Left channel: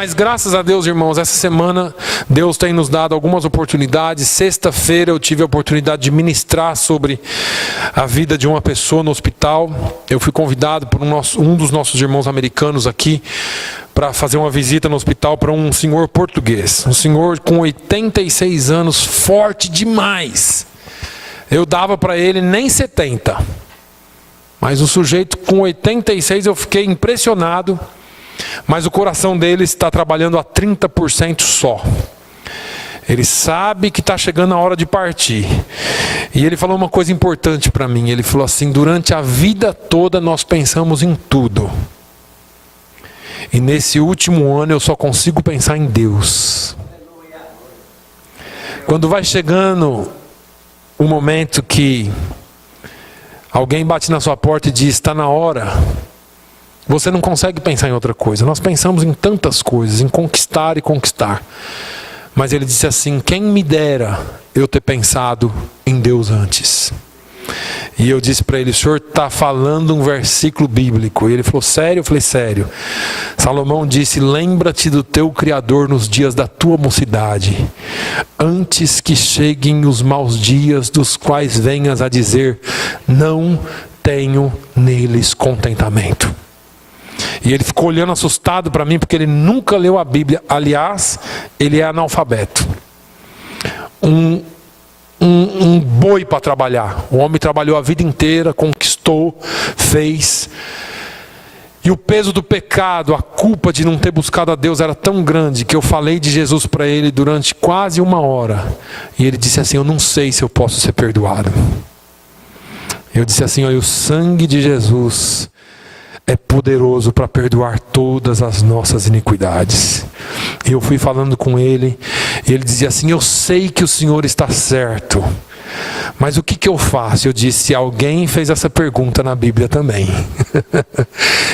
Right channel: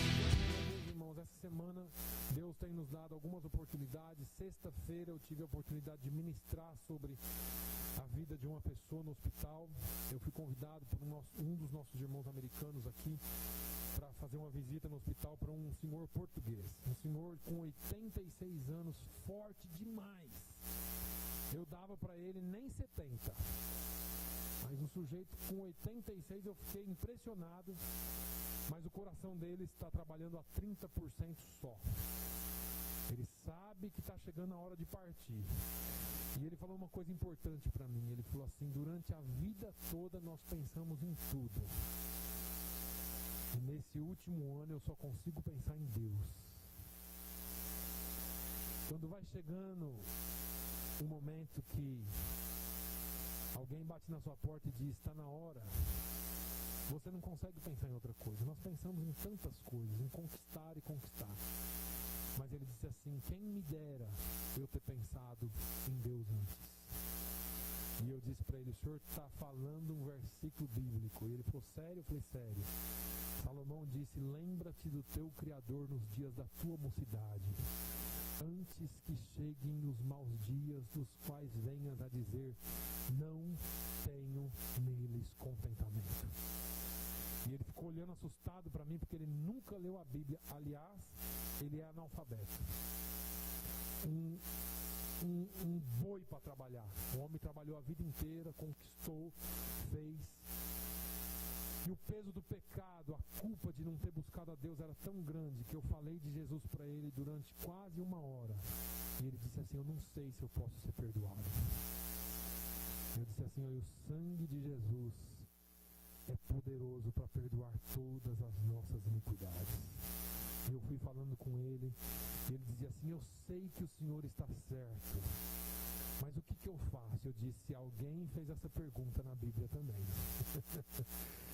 Mas graças a Deus, irmãos, essa semana Deus tem nos dado algumas oportunidades. Sexta-feira eu tive a oportunidade de ministrar sobre a vida de uma pessoa no hospital. Eu fui convidado por um dos nossos irmãos americanos aqui para fazer uma visita no hospital para um senhor português. Um senhor com 86 anos, forte demais. Eu dava para ele nem 70. Mas o sujeito com 86 eu fiquei impressionado. Mas o coração dele está trabalhando a 30% só. Ele sabe que está chegando a hora de partir. E ele falou uma coisa importante para mim. Ele falou assim: durante a vida toda nós pensamos em tudo. E nesse último ano eu só consigo pensar em Deus. Quando vai chegando o momento que alguém bate na sua porta e diz: está na hora. Você não consegue pensar em outra coisa. Nós pensamos em tantas coisas, em conquistar e conquistar. Mas ele disse assim: quem me dera eu ter pensado em Deus antes. E eu disse para ele: o senhor está falando um versículo bíblico. E ele falou: sério? Eu falei: sério. Salomão disse: lembra-te do teu Criador nos dias da tua mocidade, antes que cheguem os maus dias, dos quais venhas a dizer: não tenho neles contentamento. E ele ficou olhando assustado para mim, porque ele nunca leu a Bíblia. Aliás, ele é analfabeto. Um boi para trabalhar. O homem trabalhou a vida inteira, conquistou, fez. E o peso do pecado, a culpa de não ter buscado a Deus era tão grande, que eu falei de Jesus para ele durante quase 1 hora. E ele disse assim: eu não sei se eu posso ser perdoado. Eu disse assim: olha, o sangue de Jesus é poderoso para perdoar todas as nossas iniquidades. E eu fui falando com ele, e ele dizia assim: eu sei que o Senhor está certo, mas o que eu faço? Eu disse: alguém fez essa pergunta na Bíblia também.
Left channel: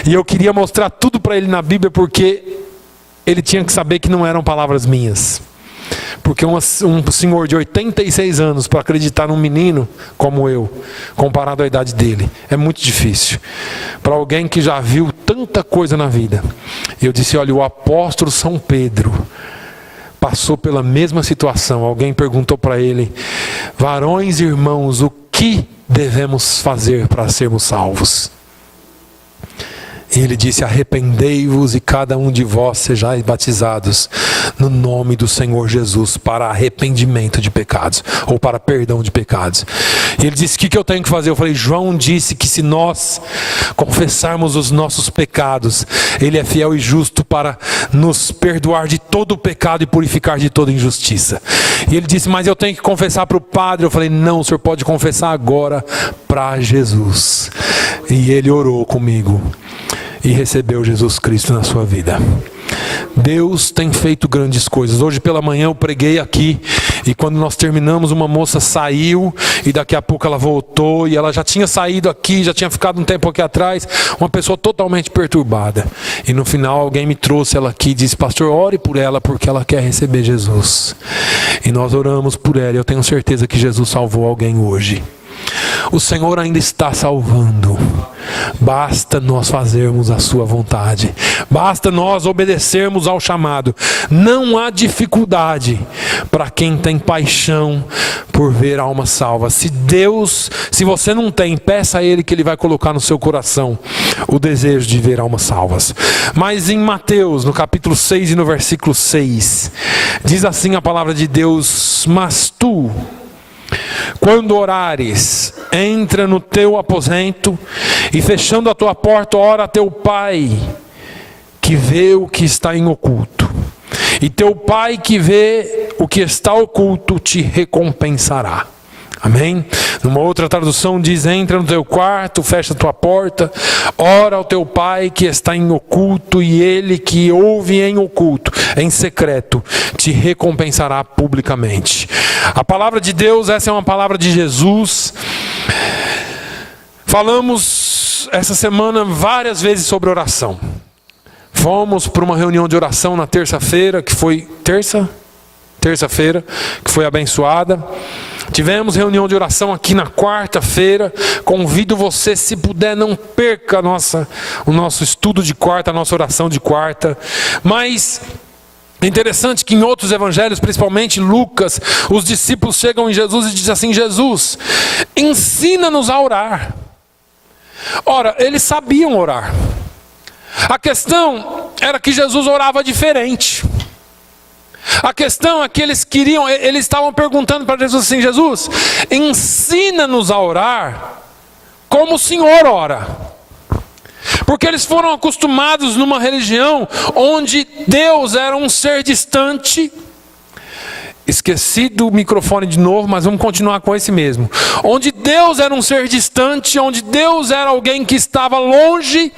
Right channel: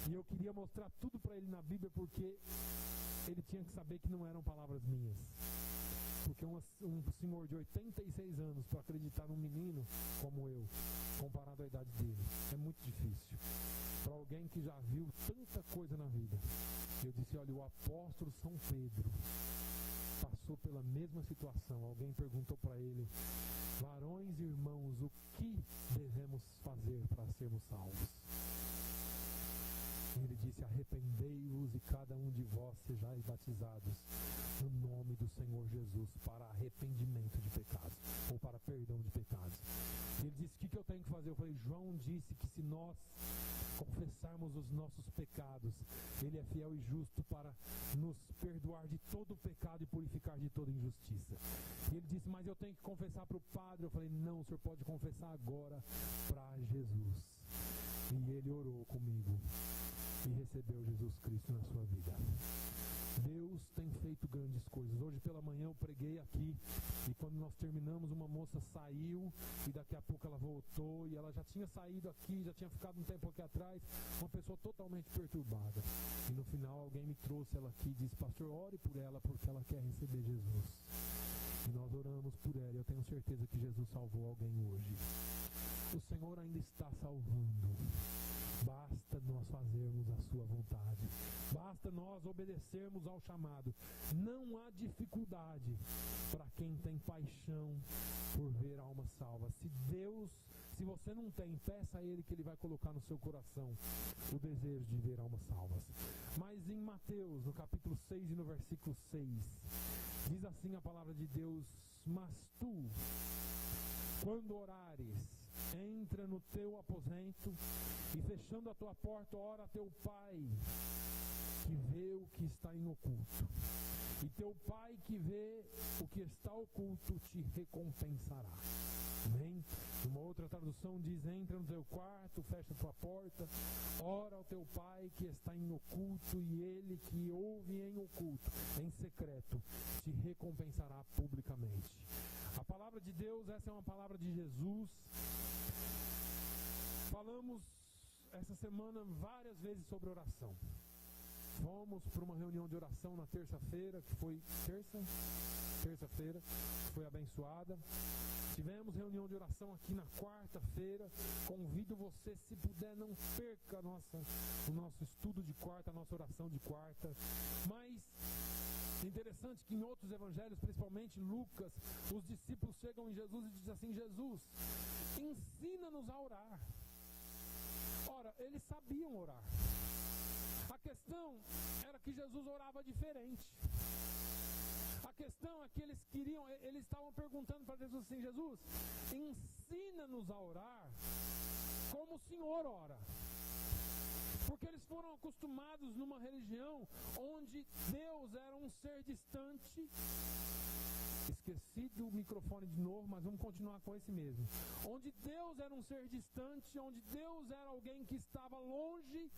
E eu queria mostrar tudo para ele na Bíblia, porque ele tinha que saber que não eram palavras minhas. Porque um senhor de 86 anos para acreditar num menino como eu, comparado à idade dele, é muito difícil. Para alguém que já viu tanta coisa na vida. Eu disse: olha, o apóstolo São Pedro passou pela mesma situação. Alguém perguntou para ele: varões e irmãos, o que devemos fazer para sermos salvos? E ele disse: arrependei-vos e cada um de vós sejais batizados no nome do Senhor Jesus para arrependimento de pecados, ou para perdão de pecados. E ele disse: o que eu tenho que fazer? Eu falei: João disse que se nós confessarmos os nossos pecados, ele é fiel e justo para nos perdoar de todo o pecado e purificar de toda injustiça. E ele disse: mas eu tenho que confessar para o padre. Eu falei: não, o senhor pode confessar agora para Jesus. E ele orou comigo e recebeu Jesus Cristo na sua vida. Deus tem feito grandes coisas. Hoje pela manhã eu preguei aqui, e quando nós terminamos, uma moça saiu, e daqui a pouco ela voltou, e ela já tinha saído aqui, já tinha ficado um tempo aqui atrás, uma pessoa totalmente perturbada. E no final alguém me trouxe ela aqui e disse: pastor, ore por ela, porque ela quer receber Jesus. E nós oramos por ela, e eu tenho certeza que Jesus salvou alguém hoje. O Senhor ainda está salvando. Basta nós fazermos a sua vontade. Basta nós obedecermos ao chamado. Não há dificuldade para quem tem paixão por ver almas salvas. Se você não tem, peça a Ele que Ele vai colocar no seu coração o desejo de ver almas salvas. Mas em Mateus, no capítulo 6 e no versículo 6, diz assim a palavra de Deus: mas tu, quando orares, entra no teu aposento e, fechando a tua porta, ora a teu pai que vê o que está em oculto. E teu pai que vê o que está oculto te recompensará. Amém? Numa outra tradução diz: entra no teu quarto, fecha a tua porta, ora ao teu pai que está em oculto, e ele que ouve em oculto, em secreto, te recompensará publicamente. A palavra de Deus, essa é uma palavra de Jesus. Falamos essa semana várias vezes sobre oração. Fomos para uma reunião de oração na terça-feira, que foi terça-feira, que foi abençoada. Tivemos reunião de oração aqui na quarta-feira. Convido você, se puder, não perca o nosso estudo de quarta, a nossa oração de quarta. Mas é interessante que em outros evangelhos, principalmente Lucas, os discípulos chegam em Jesus e dizem assim: Jesus, ensina-nos a orar. Ora, eles sabiam orar. A questão era que Jesus orava diferente. A questão é que eles estavam perguntando para Jesus assim: Jesus, ensina-nos a orar como o Senhor ora. Porque eles foram acostumados numa religião onde Deus era um ser distante. Esqueci do microfone de novo, mas vamos continuar com esse mesmo. Onde Deus era um ser distante, onde Deus era alguém que estava longe,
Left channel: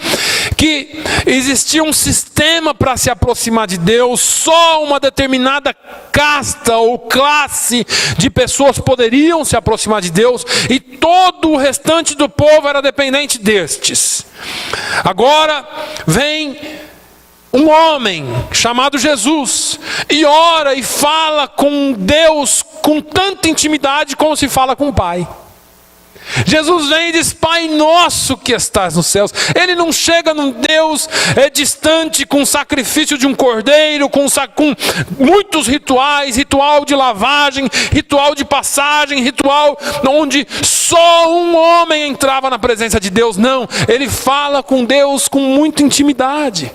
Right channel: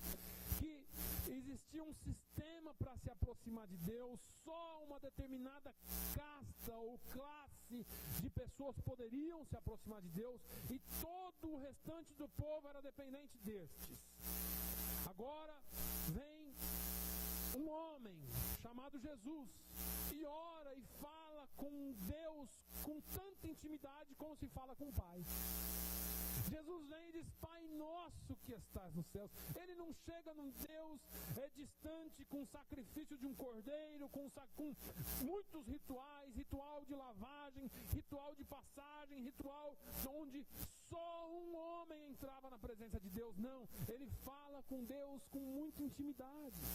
que existia um sistema para se aproximar de Deus, só uma determinada casta ou classe de pessoas poderiam se aproximar de Deus, e todo o restante do povo era dependente destes. Agora vem um homem chamado Jesus e ora e fala com Deus com tanta intimidade como se fala com o Pai. Jesus vem e diz: Pai nosso que estás nos céus. Ele não chega num Deus distante com o sacrifício de um cordeiro, com muitos rituais, ritual de lavagem, ritual de passagem, ritual onde só um homem entrava na presença de Deus. Não, ele fala com Deus com muita intimidade.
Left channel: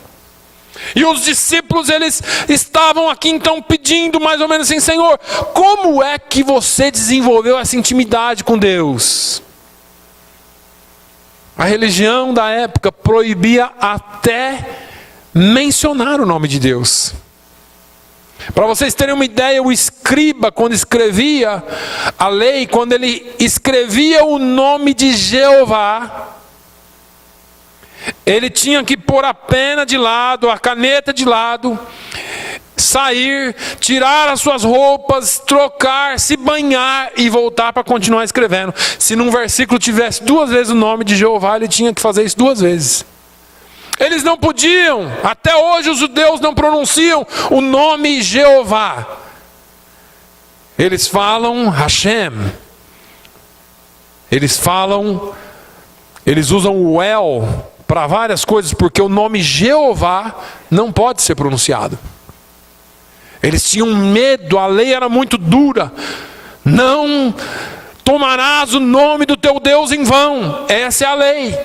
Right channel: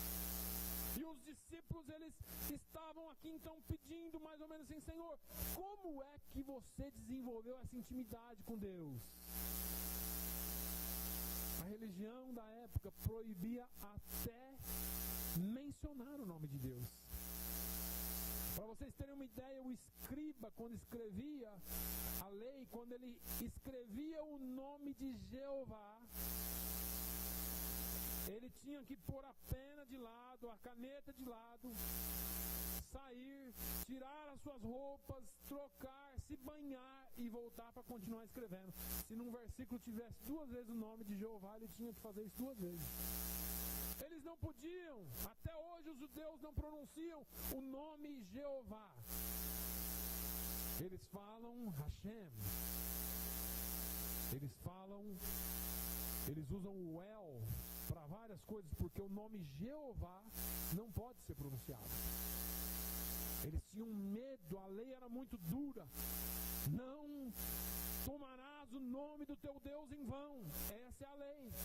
E os discípulos, eles estavam aqui então pedindo mais ou menos assim: Senhor, como é que você desenvolveu essa intimidade com Deus? A religião da época proibia até mencionar o nome de Deus. Para vocês terem uma ideia, o escriba, quando escrevia a lei, quando ele escrevia o nome de Jeová, ele tinha que pôr a pena de lado, a caneta de lado, sair, tirar as suas roupas, trocar, se banhar e voltar para continuar escrevendo. Se num versículo tivesse 2 vezes o nome de Jeová, ele tinha que fazer isso 2 vezes. Eles não podiam, até hoje os judeus não pronunciam o nome Jeová. Eles falam Hashem. Eles usam o El para várias coisas, porque o nome Jeová não pode ser pronunciado. Eles tinham medo, a lei era muito dura. Não tomarás o nome do teu Deus em vão. Essa é a lei.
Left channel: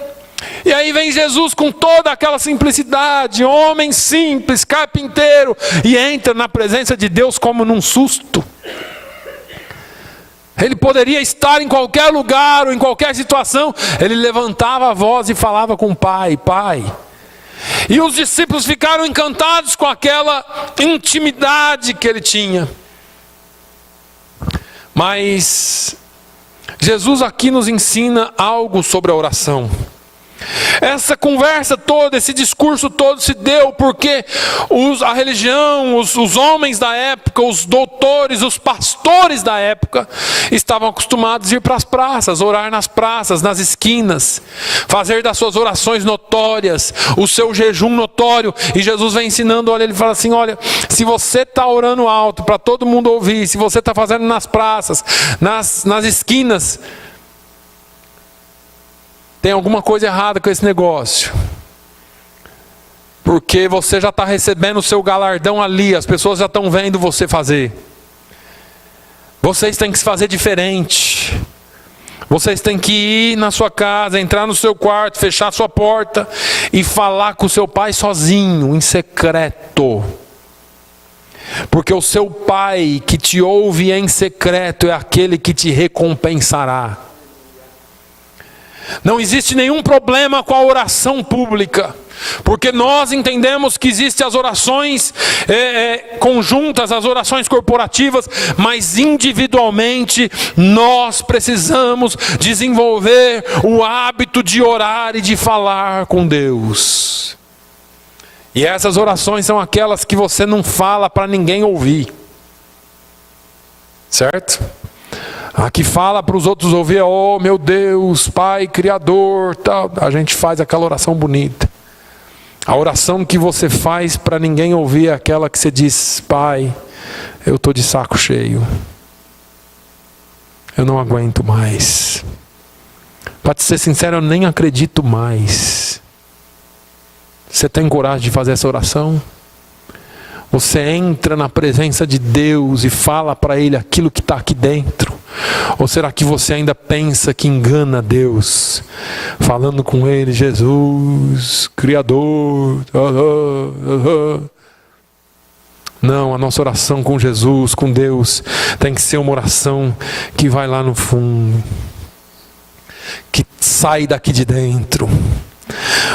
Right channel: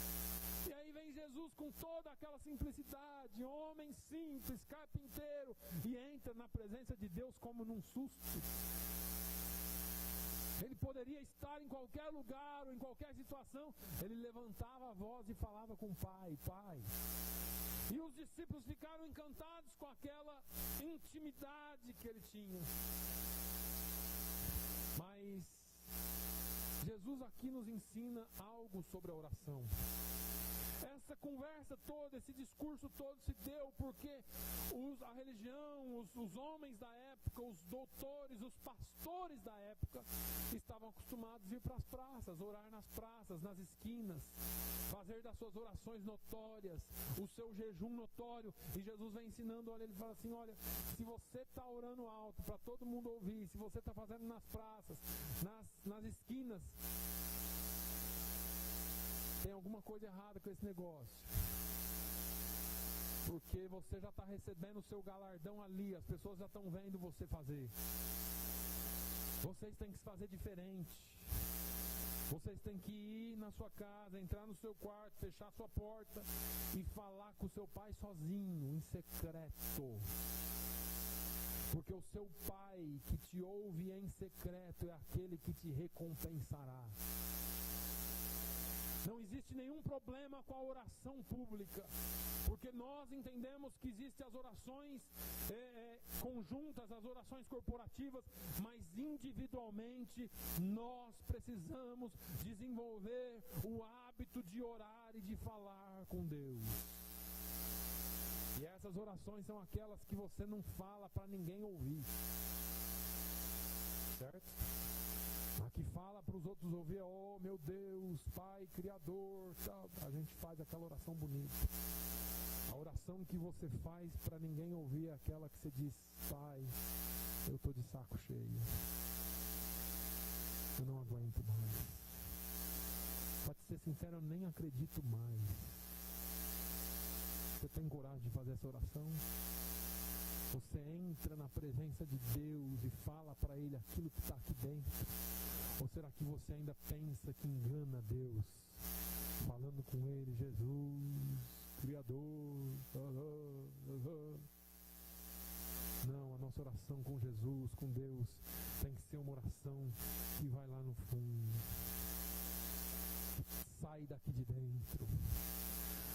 E aí vem Jesus com toda aquela simplicidade, homem simples, carpinteiro, e entra na presença de Deus como num susto. Ele poderia estar em qualquer lugar ou em qualquer situação, ele levantava a voz e falava com o Pai: Pai. E os discípulos ficaram encantados com aquela intimidade que ele tinha. Mas Jesus aqui nos ensina algo sobre a oração. Essa conversa toda, esse discurso todo se deu porque a religião, os homens da época, os doutores, os pastores da época estavam acostumados a ir para as praças, orar nas praças, nas esquinas, fazer das suas orações notórias, o seu jejum notório. E Jesus vem ensinando, olha, ele fala assim: olha, se você está orando alto para todo mundo ouvir, se você está fazendo nas praças, nas esquinas, tem alguma coisa errada com esse negócio. Porque você já está recebendo o seu galardão ali, as pessoas já estão vendo você fazer. Vocês têm que se fazer diferente. Vocês têm que ir na sua casa, entrar no seu quarto, fechar a sua porta e falar com o seu pai sozinho, em secreto. Porque o seu pai que te ouve em secreto é aquele que te recompensará. Não existe nenhum problema com a oração pública, porque nós entendemos que existem as orações conjuntas, as orações corporativas, mas individualmente nós precisamos desenvolver o hábito de orar e de falar com Deus. E essas orações são aquelas que você não fala para ninguém ouvir, certo? A que fala para os outros ouvir: oh meu Deus, Pai Criador, tal. A gente faz aquela oração bonita. A oração que você faz para ninguém ouvir é aquela que você diz: Pai, eu estou de saco cheio. eu não aguento mais. Para te ser sincero, eu nem acredito mais. Você tem coragem de fazer essa oração? Você entra na presença de Deus e fala para Ele aquilo que está aqui dentro? Ou será que você ainda pensa que engana Deus? Falando com Ele, Jesus, Criador. Não, a nossa oração com Jesus, com Deus, tem que ser uma oração que vai lá no fundo, que sai daqui de dentro.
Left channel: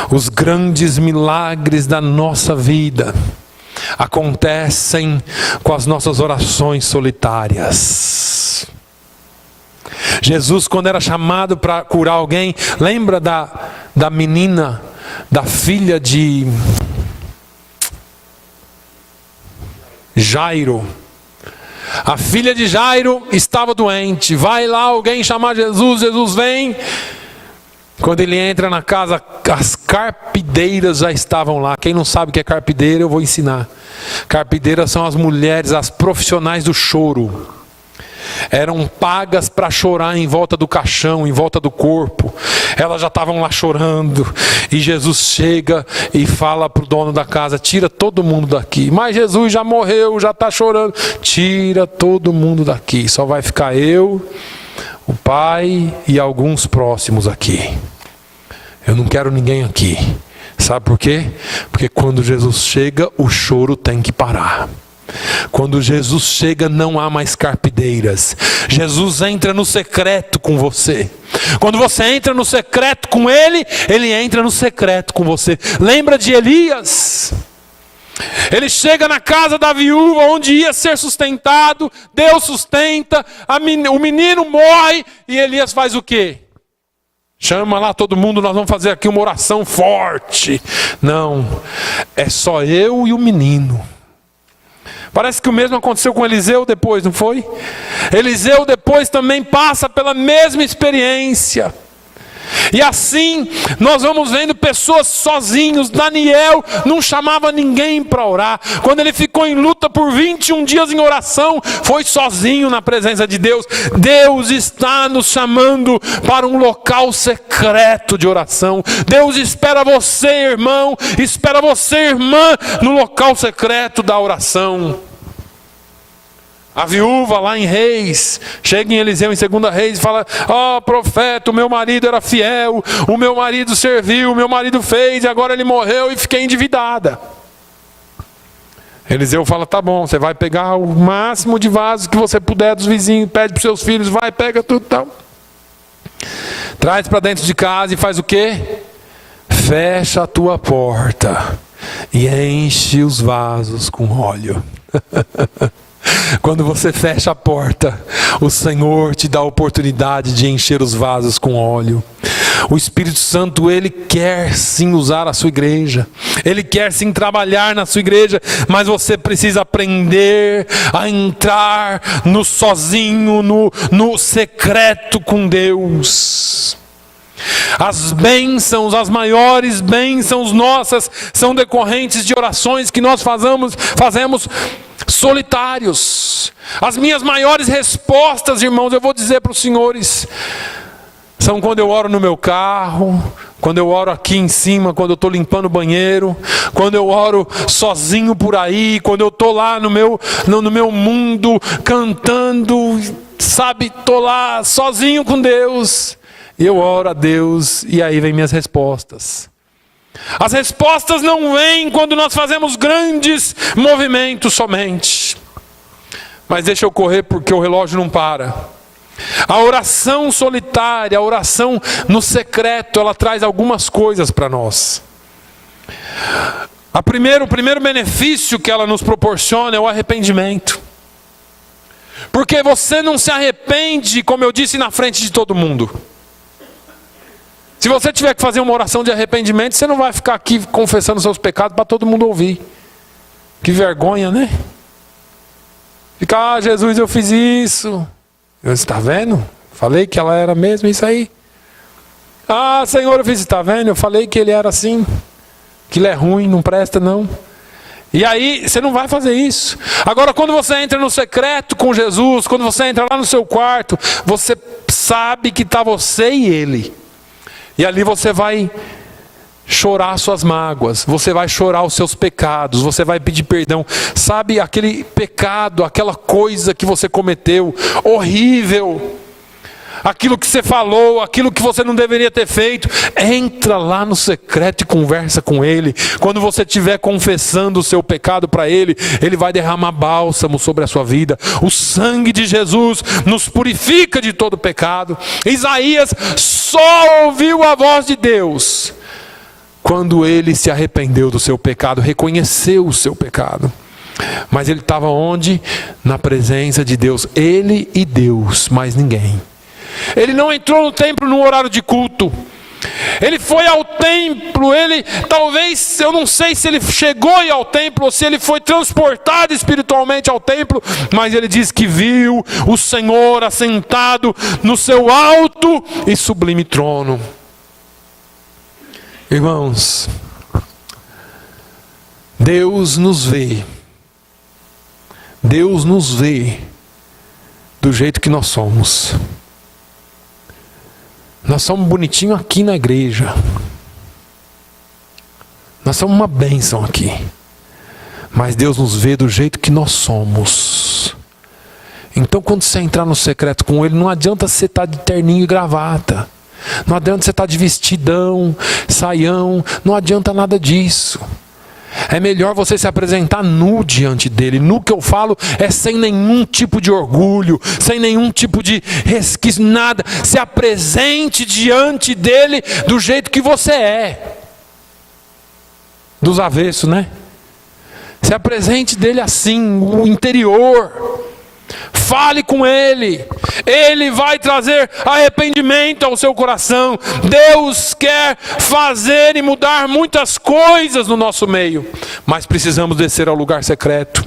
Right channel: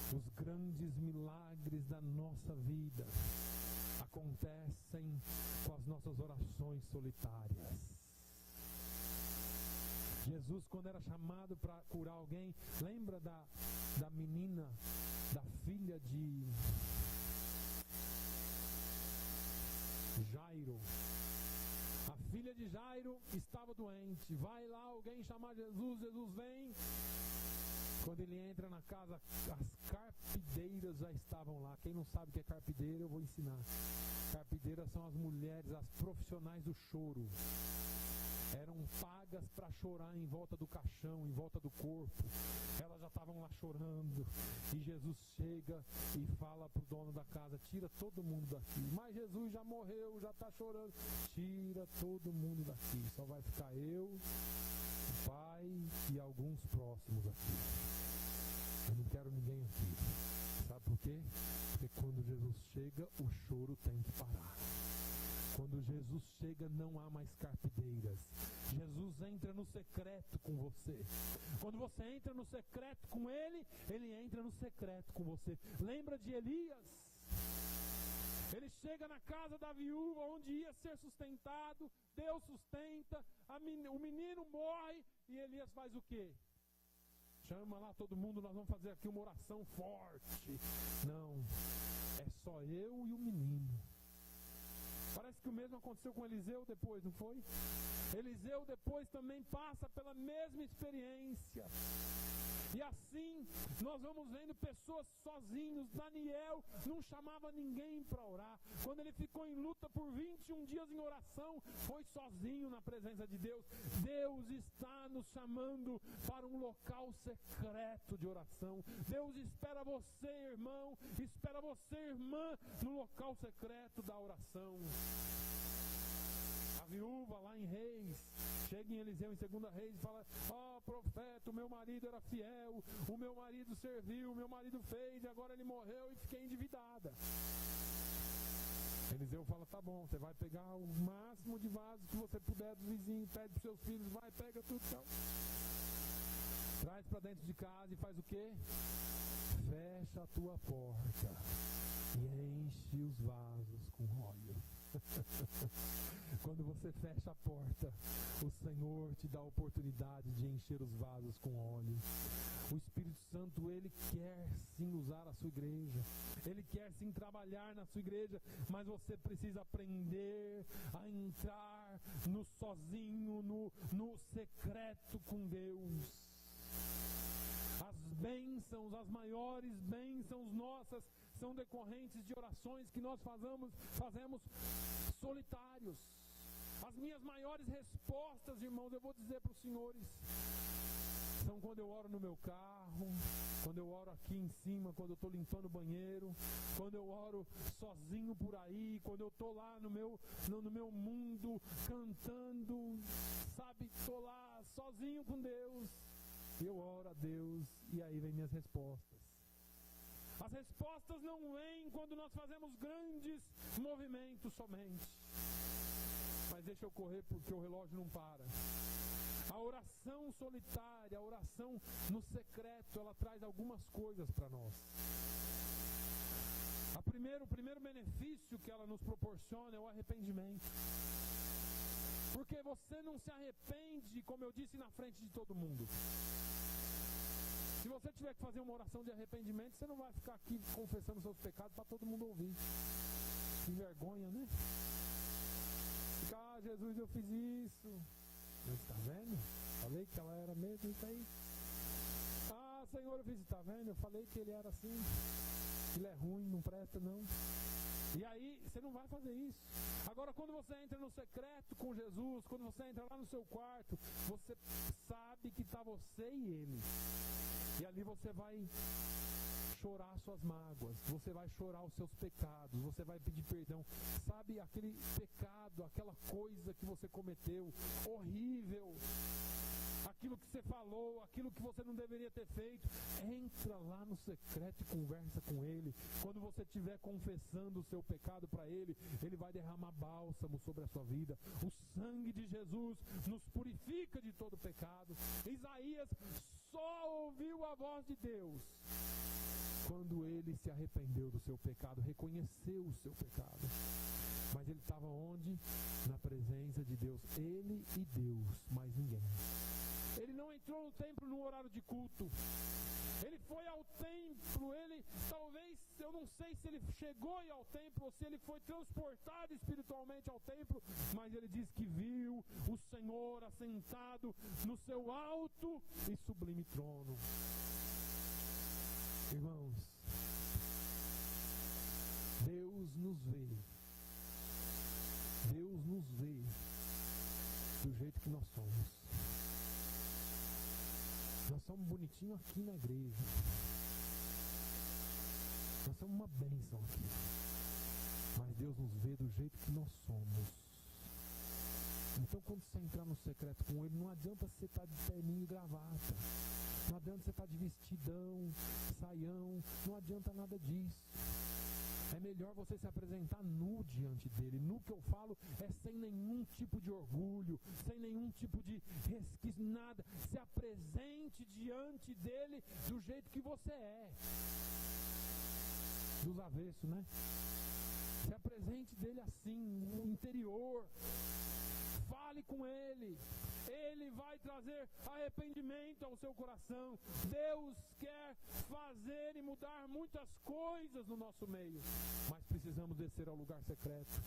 Os grandes milagres da nossa vida acontecem com as nossas orações solitárias. Jesus, quando era chamado para curar alguém, lembra da menina, da filha de Jairo? A filha de Jairo estava doente. Vai lá alguém chamar Jesus, Jesus vem. Quando ele entra na casa, as carpideiras já estavam lá. Quem não sabe o que é carpideira, eu vou ensinar. Carpideiras são as mulheres, as profissionais do choro. Eram pagas para chorar em volta do caixão, em volta do corpo. Elas já estavam lá chorando. E Jesus chega e fala para o dono da casa: tira todo mundo daqui. Mas Jesus já morreu, já está chorando. Tira todo mundo daqui. Só vai ficar eu, o pai e alguns próximos aqui. Eu não quero ninguém aqui. Sabe por quê? Porque quando Jesus chega, o choro tem que parar. Quando Jesus chega, não há mais carpideiras. Jesus entra no secreto com você. Quando você entra no secreto com Ele, Ele entra no secreto com você. Lembra de Elias? Ele chega na casa da viúva onde ia ser sustentado. Deus sustenta, o menino morre e Elias faz o quê? Chama lá todo mundo, nós vamos fazer aqui uma oração forte. Não, é só eu e o menino. Parece que o mesmo aconteceu com Eliseu depois, não foi? Eliseu depois também passa pela mesma experiência. E assim nós vamos vendo pessoas sozinhos. Daniel não chamava ninguém para orar. Quando ele ficou em luta por 21 dias em oração, foi sozinho na presença de Deus. Deus está nos chamando para um local secreto de oração. Deus espera você, irmão, espera você, irmã, no local secreto da oração. A viúva lá em Reis, chega em Eliseu em 2 Reis e fala: ó profeta, o meu marido era fiel, o meu marido serviu, o meu marido fez, e agora ele morreu e fiquei endividada. Eliseu fala: tá bom, você vai pegar o máximo de vasos que você puder dos vizinhos, pede para os seus filhos, vai, pega tudo tal. Traz para dentro de casa e faz o quê? Fecha a tua porta e enche os vasos com óleo. Quando você fecha a porta, o Senhor te dá a oportunidade de encher os vasos com óleo. O Espírito Santo, Ele quer sim usar a sua igreja. Ele quer sim trabalhar na sua igreja. Mas você precisa aprender a entrar no sozinho, no secreto com Deus. As bênçãos, as maiores bênçãos nossas são decorrentes de orações que nós fazemos solitários. As minhas maiores respostas, irmãos, eu vou dizer para os senhores, são quando eu oro no meu carro, quando eu oro aqui em cima, quando eu estou limpando o banheiro, quando eu oro sozinho por aí, quando eu estou lá no meu mundo, cantando, sabe, estou lá sozinho com Deus. Eu oro a Deus e aí vem minhas respostas. As respostas não vêm quando nós fazemos grandes movimentos somente. Mas deixa eu correr porque o relógio não para. A oração solitária, a oração no secreto, ela traz algumas coisas para nós. O primeiro benefício que ela nos proporciona é o arrependimento. Porque você não se arrepende, como eu disse, na frente de todo mundo. Se você tiver que fazer uma oração de arrependimento, você não vai ficar aqui confessando seus pecados para todo mundo ouvir. Que vergonha, né? Ficar: Jesus, eu fiz isso. Você está vendo? Falei que ela era mesmo isso aí. Senhor, eu fiz isso. Está vendo? Eu falei que ele era assim. Que ele é ruim, não presta não. E aí, você não vai fazer isso. Agora, quando você entra no secreto com Jesus, quando você entra lá no seu quarto, você sabe que está você e Ele. E ali você vai chorar suas mágoas, você vai chorar os seus pecados, você vai pedir perdão. Sabe aquele pecado, aquela coisa que você cometeu, horrível, aquilo que você falou, aquilo que você não deveria ter feito, entra lá no secreto e conversa com Ele. Quando você estiver confessando o seu pecado para Ele, Ele vai derramar bálsamo sobre a sua vida. O sangue de Jesus nos purifica de todo pecado. Isaías só ouviu a voz de Deus quando ele se arrependeu do seu pecado, reconheceu o seu pecado. Mas ele estava onde? Na presença de Deus. Ele e Deus, mais ninguém. Ele não entrou no templo no horário de culto. Ele foi ao templo, ele talvez, eu não sei se ele chegou a ir ao templo ou se ele foi transportado espiritualmente ao templo, mas ele diz que viu o Senhor assentado no seu alto e sublime trono. Irmãos, Deus nos vê do jeito que nós somos. Nós somos bonitinhos aqui na igreja, nós somos uma bênção aqui, mas Deus nos vê do jeito que nós somos. Então quando você entrar no secreto com Ele, não adianta você estar de terninho e gravata, não adianta você estar de vestidão, saião, não adianta nada disso. É melhor você se apresentar nu diante dele. Nu que eu falo é sem nenhum tipo de orgulho, sem nenhum tipo de resquício, nada. Se apresente diante dele do jeito que você é. Dos avessos, né? Se apresente dele assim, o interior. Fale com Ele. Ele vai trazer arrependimento ao seu coração. Deus quer fazer e mudar muitas coisas no nosso meio, mas precisamos descer ao lugar secreto.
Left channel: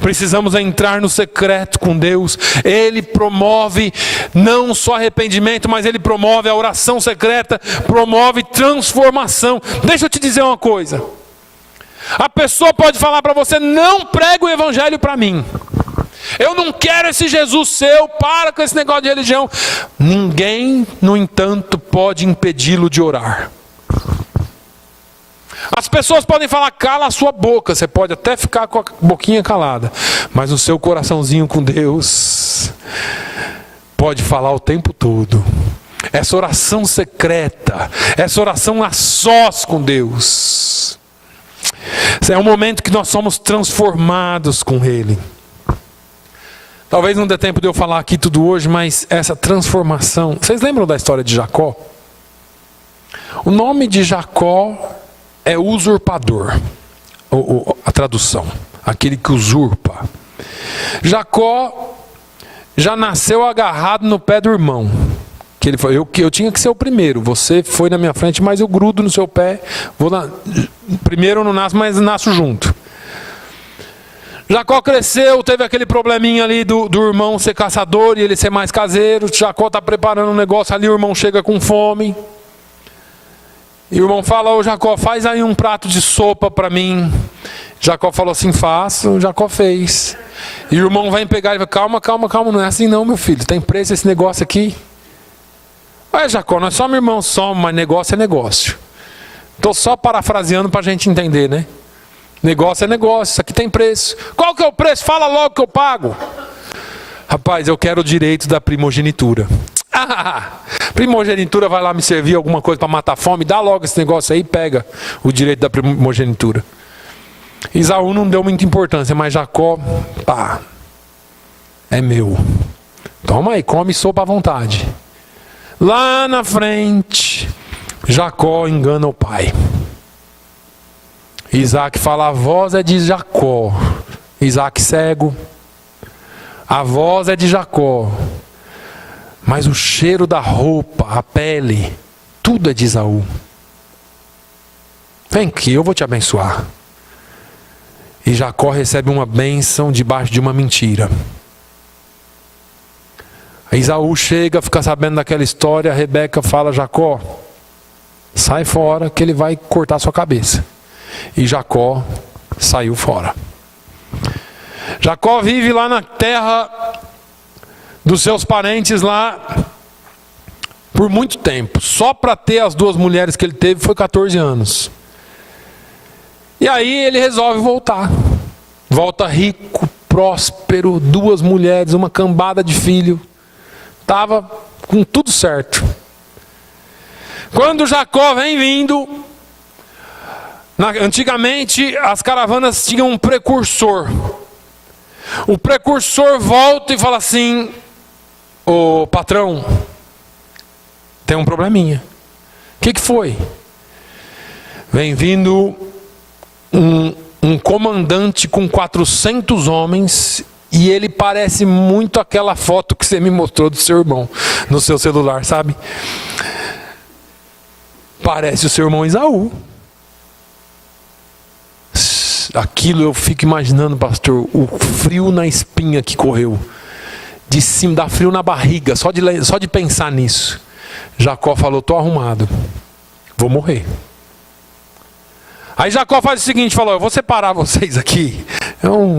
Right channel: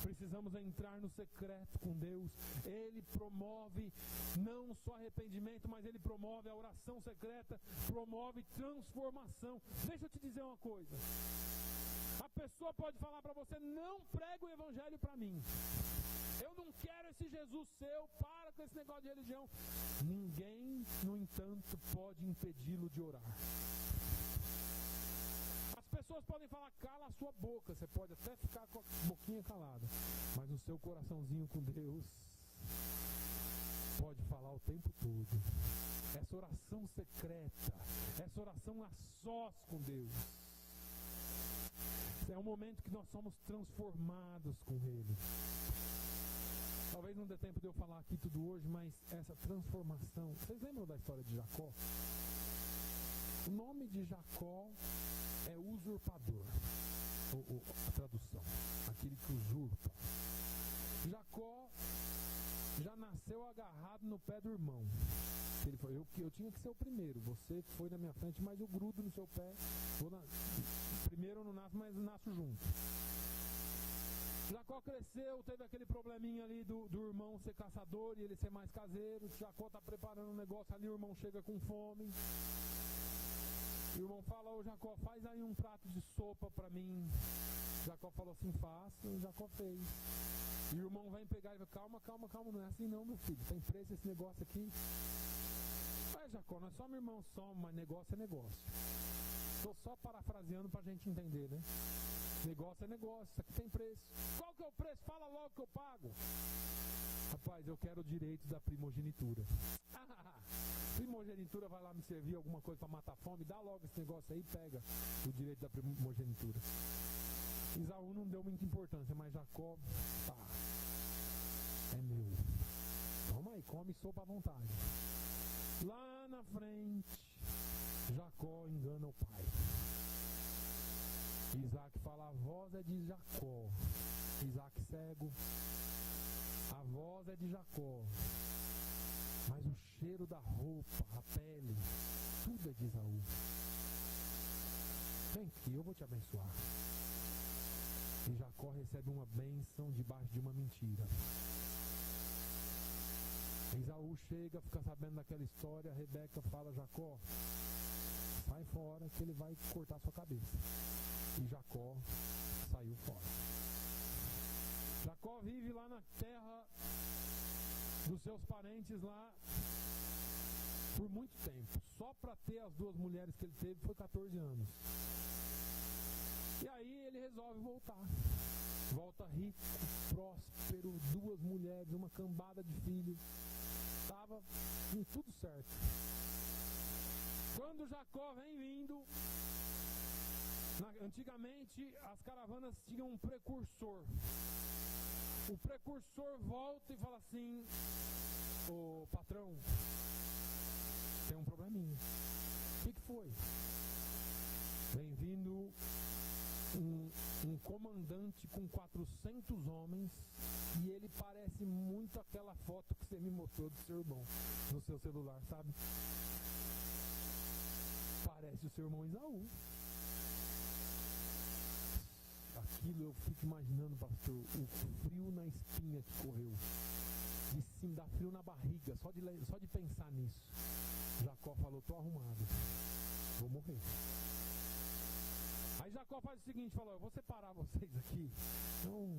Precisamos entrar no secreto com Deus. Ele promove não só arrependimento, mas Ele promove a oração secreta, promove transformação. Deixa eu te dizer uma coisa. A pessoa pode falar para você: não prega o evangelho para mim. Eu não quero esse Jesus seu, para com esse negócio de religião. Ninguém, no entanto, pode impedi-lo de orar. As pessoas podem falar: cala a sua boca. Você pode até ficar com a boquinha calada, mas o seu coraçãozinho com Deus pode falar o tempo todo. Essa oração secreta, essa oração a sós com Deus, é um momento que nós somos transformados com Ele. Talvez não dê tempo de eu falar aqui tudo hoje, mas essa transformação... Vocês lembram da história de Jacó? O nome de Jacó é usurpador. A tradução. Aquele que usurpa. Jacó já nasceu agarrado no pé do irmão. Que ele falou: eu tinha que ser o primeiro. Você foi na minha frente, mas eu grudo no seu pé. Primeiro eu não nasço, mas nasço junto. Jacó cresceu, teve aquele probleminha ali do irmão ser caçador e ele ser mais caseiro. Jacó está preparando um negócio ali, o irmão chega com fome. E o irmão fala: ô Jacó, faz aí um prato de sopa para mim. Jacó falou assim: faço. Jacó fez. E o irmão vem pegar e fala: calma, não é assim não, meu filho. Tem preço esse negócio aqui? Ué, Jacó, nós somos irmãos, somos, mas negócio é negócio. Estou só parafraseando para a gente entender, né? Negócio é negócio, isso aqui tem preço. Qual que é o preço? Fala logo que eu pago. Rapaz, eu quero o direito da primogenitura. Primogenitura vai lá me servir alguma coisa para matar a fome? Dá logo esse negócio aí, pega o direito da primogenitura. Esaú não deu muita importância, mas Jacó, pá, é meu. Toma aí, come sopa à vontade. Lá na frente, Jacó engana o pai. Isaac fala: a voz é de Jacó. Isaac cego. A voz é de Jacó. Mas o cheiro da roupa, a pele, tudo é de Esaú. Vem aqui, eu vou te abençoar. E Jacó recebe uma bênção debaixo de uma mentira. Esaú chega, fica sabendo daquela história. A Rebeca fala: Jacó, sai fora que ele vai cortar sua cabeça. E Jacó saiu fora. Jacó vive lá na terra dos seus parentes lá por muito tempo. Só para ter as 2 mulheres que ele teve foi 14 anos. E aí ele resolve voltar. Volta rico, próspero, 2 mulheres, uma cambada de filho. Estava com tudo certo. Quando Jacó vem vindo, antigamente as caravanas tinham um precursor. O precursor volta e fala assim: ô patrão, tem um probleminha. O que foi? Vem vindo um comandante com 400 homens e ele parece muito aquela foto que você me mostrou do seu irmão no seu celular, sabe? Parece o seu irmão Esaú. Aquilo eu fico imaginando, pastor, o frio na espinha que correu. De cima, dá frio na barriga, só de pensar nisso. Jacó falou: estou arrumado, vou morrer. Aí Jacó faz o seguinte, falou: eu vou separar vocês aqui,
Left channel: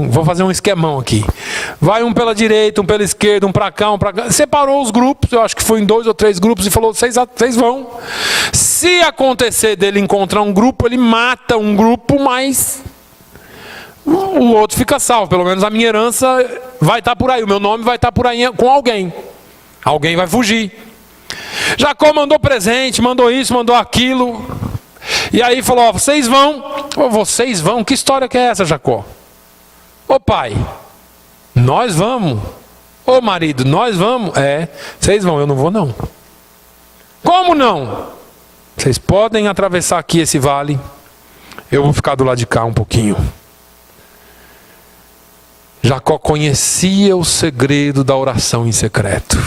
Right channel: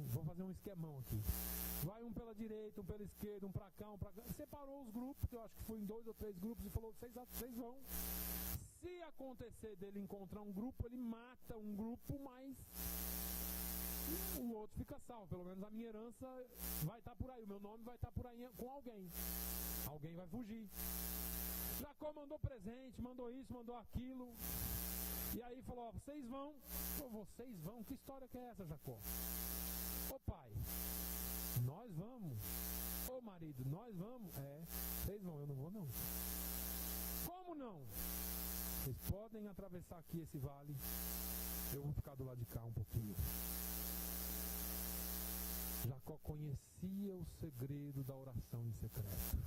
vou fazer um esquemão aqui. Vai um pela direita, um pela esquerda, um para cá, um para cá. Separou os grupos, eu acho que foi em 2 ou 3 grupos, e falou: vocês vão. Se acontecer dele encontrar um grupo, ele mata um grupo, mas o outro fica salvo. Pelo menos a minha herança vai estar por aí, o meu nome vai estar por aí com alguém. Alguém vai fugir. Jacó mandou presente, mandou isso, mandou aquilo. E aí falou: ó, vocês vão. Oh, vocês vão? Que história que é essa, Jacó? Ô pai, nós vamos. Ô marido, nós vamos. É, vocês vão, eu não vou não. Como não? Vocês podem atravessar aqui esse vale, eu vou ficar do lado de cá um pouquinho. Jacó conhecia o segredo da oração em secreto.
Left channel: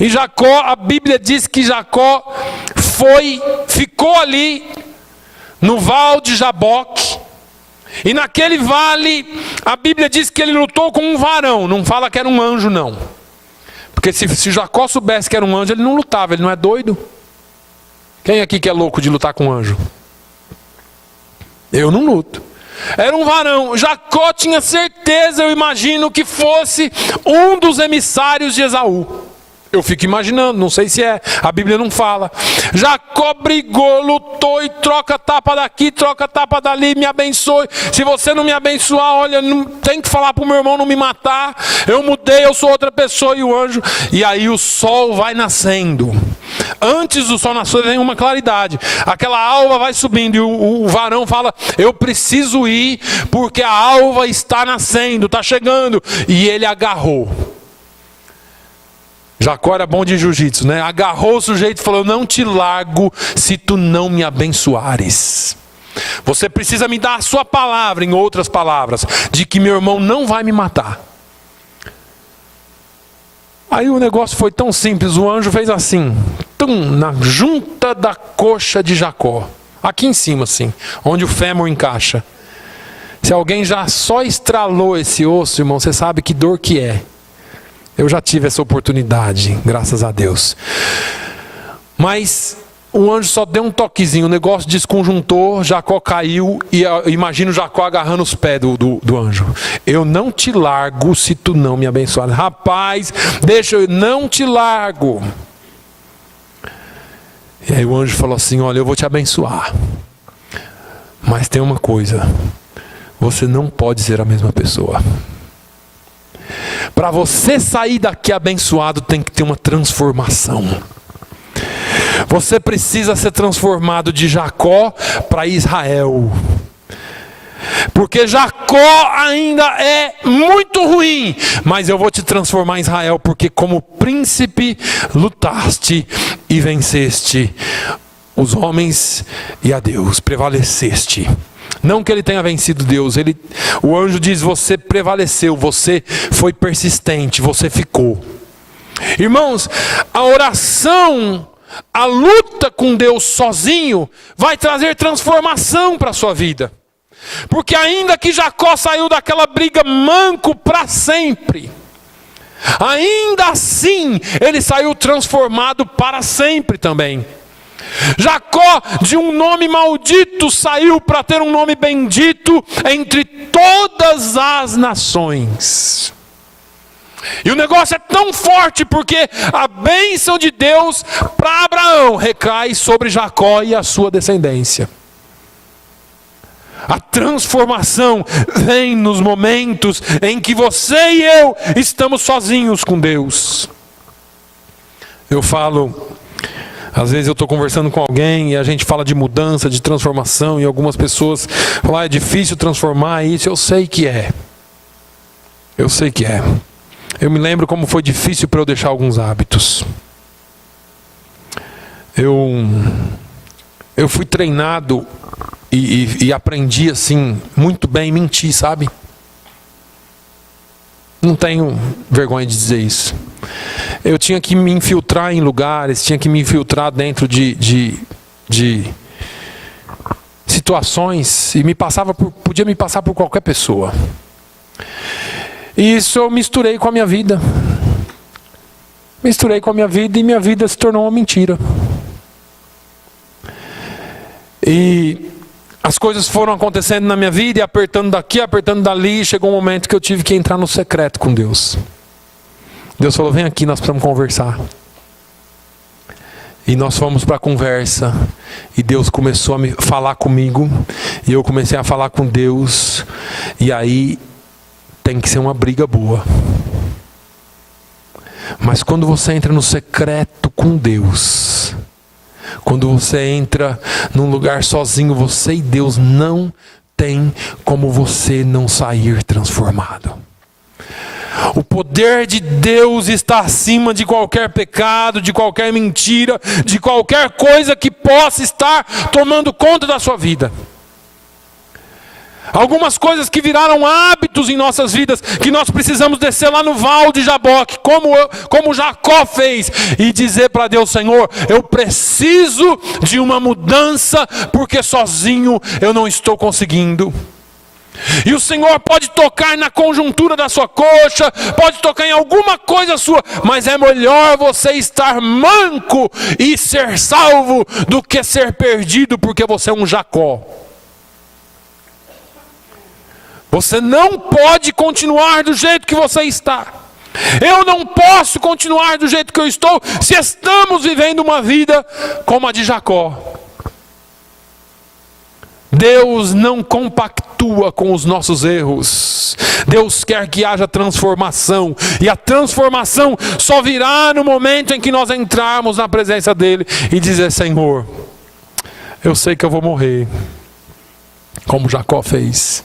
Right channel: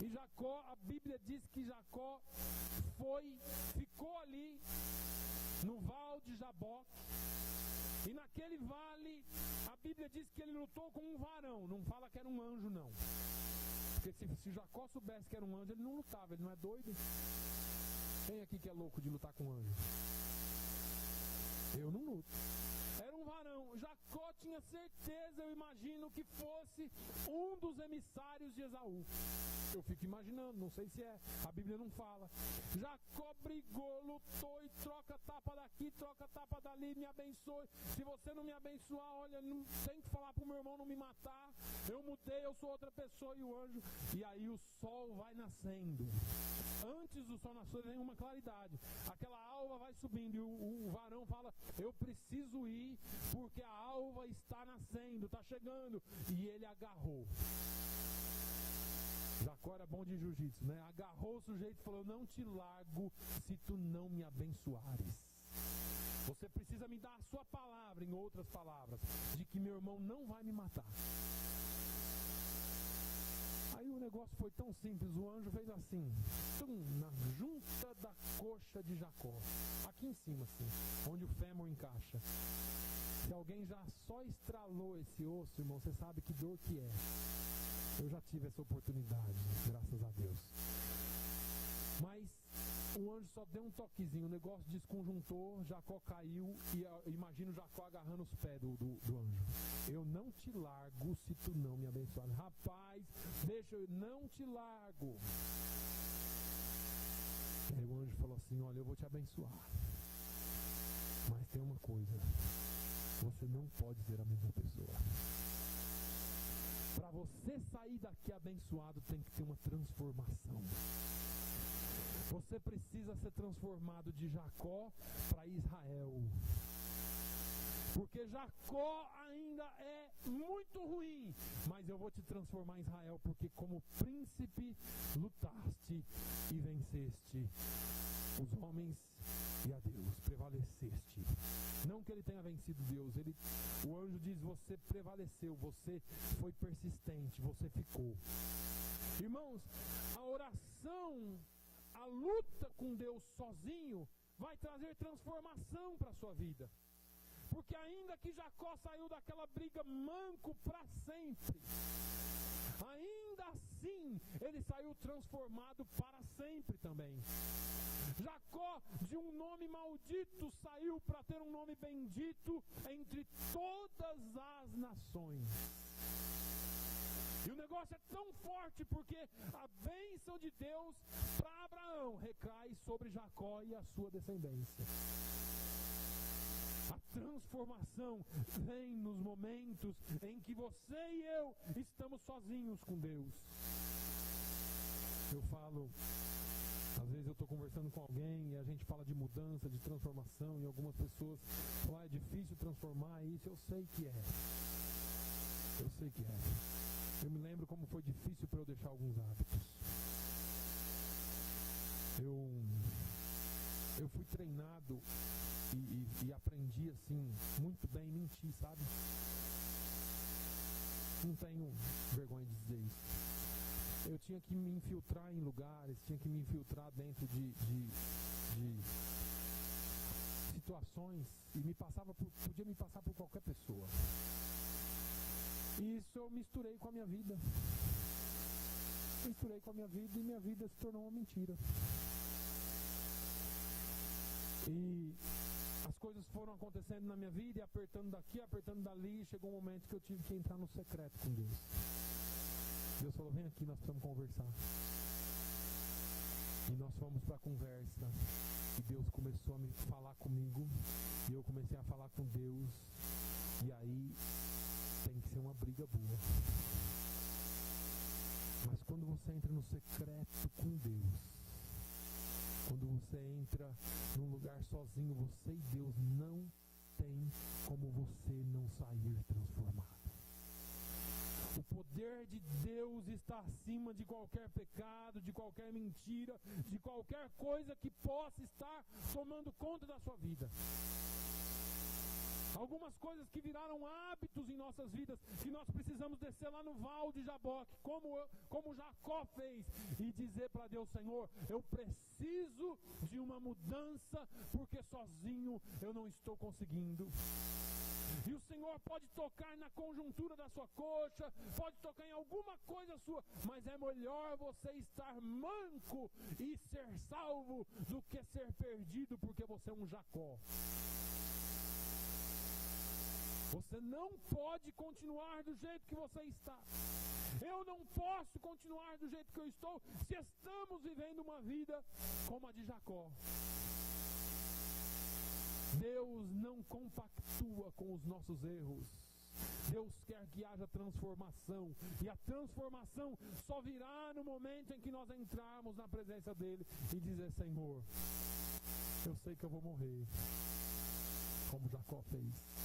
E Jacó, a Bíblia diz que Jacó ficou ali no Val de Jaboque. E naquele vale, a Bíblia diz que ele lutou com um varão. Não fala que era um anjo, não. Porque se Jacó soubesse que era um anjo, ele não lutava, ele não é doido. Quem aqui que é louco de lutar com um anjo? Eu não luto. Era um varão. Jacó tinha certeza, eu imagino, que fosse um dos emissários de Esaú. Eu fico imaginando, não sei se é, a Bíblia não fala. Jacó brigou, lutou e troca tapa daqui, troca tapa dali, me abençoe. Se você não me abençoar, olha, não, tem que falar para o meu irmão não me matar. Eu mudei, eu sou outra pessoa. E o anjo, e aí o sol vai nascendo. Antes do sol nascer vem uma claridade. Aquela alva vai subindo e o varão fala: eu preciso ir porque a alva está nascendo, está chegando. E ele agarrou. Jacó era bom de jiu-jitsu, né? Agarrou o sujeito e falou: não te largo se tu não me abençoares. Você precisa me dar a sua palavra, em outras palavras, de que meu irmão não vai me matar. Aí o negócio foi tão simples, o anjo fez assim, na junta da coxa de Jacó. Aqui em cima assim, onde o fêmur encaixa. Se alguém já só estralou esse osso, irmão, você sabe que dor que é. Eu já tive essa oportunidade, graças a Deus. Mas o anjo só deu um toquezinho, o negócio desconjuntou, Jacó caiu, e imagino Jacó agarrando os pés do anjo. Eu não te largo se tu não me abençoar. Rapaz, deixa eu não te largo. E aí o anjo falou assim: olha, eu vou te abençoar. Mas tem uma coisa, você não pode ser a mesma pessoa. Para você sair daqui abençoado, tem que ter uma transformação. Você precisa ser transformado de Jacó para Israel. Porque Jacó ainda é muito ruim, mas eu vou te transformar em Israel, porque como príncipe lutaste e venceste os homens e a Deus, prevaleceste. Não que ele tenha vencido Deus, o anjo diz: você prevaleceu, você foi persistente, você ficou. Irmãos, a oração, a luta com Deus sozinho, vai trazer transformação para a sua vida. Porque ainda que Jacó saiu daquela briga manco para sempre, ainda assim ele saiu transformado para sempre também. Jacó, de um nome maldito, saiu para ter um nome bendito entre todas as nações. E o negócio é tão forte porque a bênção de Deus para Abraão recai sobre Jacó e a sua descendência. A transformação vem nos momentos em que você e eu estamos sozinhos com Deus. Eu falo, às vezes eu estou conversando com alguém e a gente fala de mudança, de transformação, e algumas pessoas falam, é difícil transformar isso. Eu sei que é. Eu sei que é. Eu me lembro como foi difícil para eu deixar alguns hábitos. Eu fui treinado e aprendi assim, muito bem, mentir, sabe? Não tenho vergonha de dizer isso. Eu tinha que me infiltrar em lugares, tinha que me infiltrar dentro de situações e podia me passar por qualquer pessoa. E isso eu misturei com a minha vida. Misturei com a minha vida e minha vida se tornou uma mentira. E as coisas foram acontecendo na minha vida e apertando daqui, apertando dali. Chegou um momento que eu tive que entrar no secreto com Deus. Deus falou, vem aqui, nós precisamos conversar. E nós fomos para a conversa. E Deus começou a me falar comigo. E eu comecei a falar com Deus. E aí tem que ser uma briga boa. Mas quando você entra no secreto com Deus, quando você entra num lugar sozinho, você e Deus, não tem como você não sair transformado. O poder de Deus está acima de qualquer pecado, de qualquer mentira, de qualquer coisa que possa estar tomando conta da sua vida. Algumas coisas que viraram hábitos em nossas vidas, que nós precisamos descer lá no Val de Jaboque, como Jacó fez, e dizer para Deus, Senhor, eu preciso de uma mudança, porque sozinho eu não estou conseguindo. E o Senhor pode tocar na conjuntura da sua coxa, pode tocar em alguma coisa sua, mas é melhor você estar manco e ser salvo do que ser perdido porque você é um Jacó. Você não pode continuar do jeito que você está. Eu não posso continuar do jeito que eu estou se estamos vivendo uma vida como a de Jacó. Deus não compactua com os nossos erros. Deus quer que haja transformação. E a transformação só virá no momento em que nós entrarmos na presença dEle e dizer, Senhor, eu sei que eu vou morrer, como Jacó fez.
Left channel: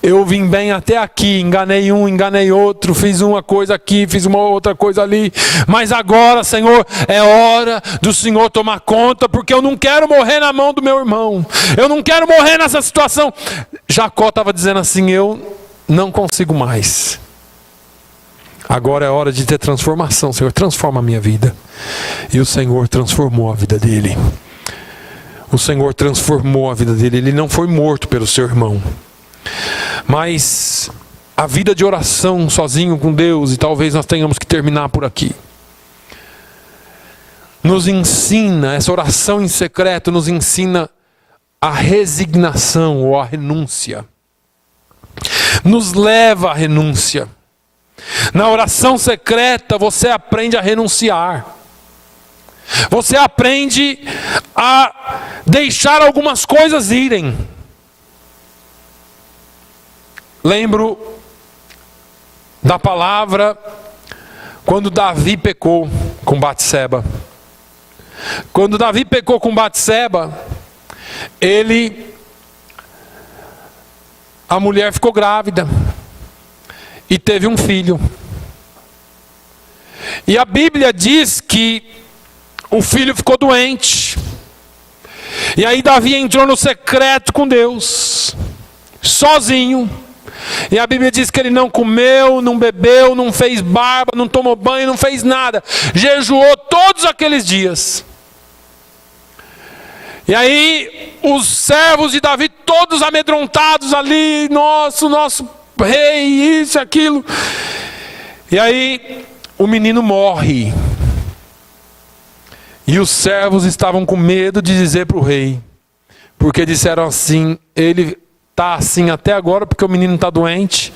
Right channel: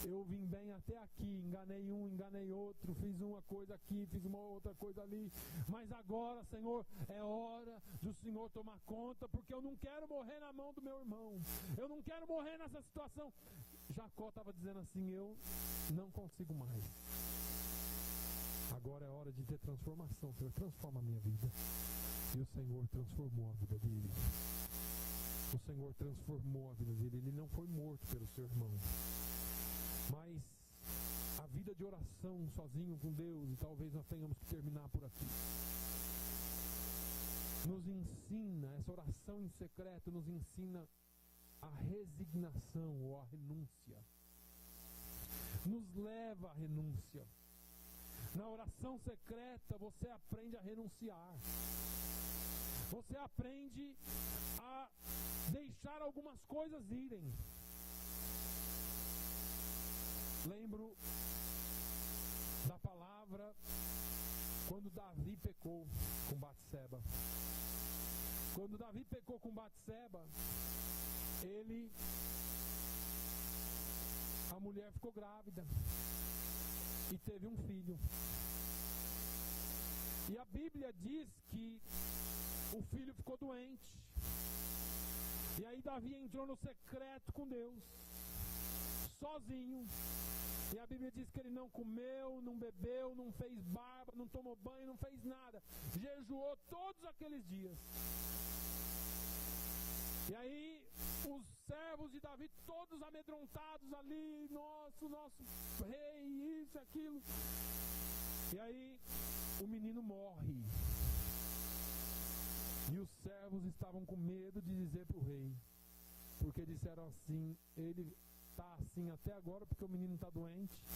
Eu vim bem até aqui, enganei um, enganei outro, fiz uma coisa aqui, fiz uma outra coisa ali, mas agora, Senhor, é hora do Senhor tomar conta, porque eu não quero morrer na mão do meu irmão, eu não quero morrer nessa situação. Jacó estava dizendo assim, eu não consigo mais. Agora é hora de ter transformação, Senhor, transforma a minha vida. E o Senhor transformou a vida dele. O Senhor transformou a vida dele, ele não foi morto pelo seu irmão. Mas a vida de oração sozinho com Deus, e talvez nós tenhamos que terminar por aqui, nos ensina, essa oração em secreto nos ensina a resignação ou a renúncia. Nos leva à renúncia. Na oração secreta você aprende a renunciar. Você aprende a deixar algumas coisas irem. Lembro da palavra quando Davi pecou com Batseba. Quando Davi pecou com Batseba, a mulher ficou grávida e teve um filho. E a Bíblia diz que o filho ficou doente. E aí Davi entrou no secreto com Deus, sozinho. E a Bíblia diz que ele não comeu, não bebeu, não fez barba, não tomou banho, não fez nada. Jejuou todos aqueles dias. E aí os servos de Davi todos amedrontados ali, nosso rei, isso, aquilo. E aí o menino morre. E os servos estavam com medo de dizer para o rei, porque disseram assim: ele está assim até agora porque o menino está doente.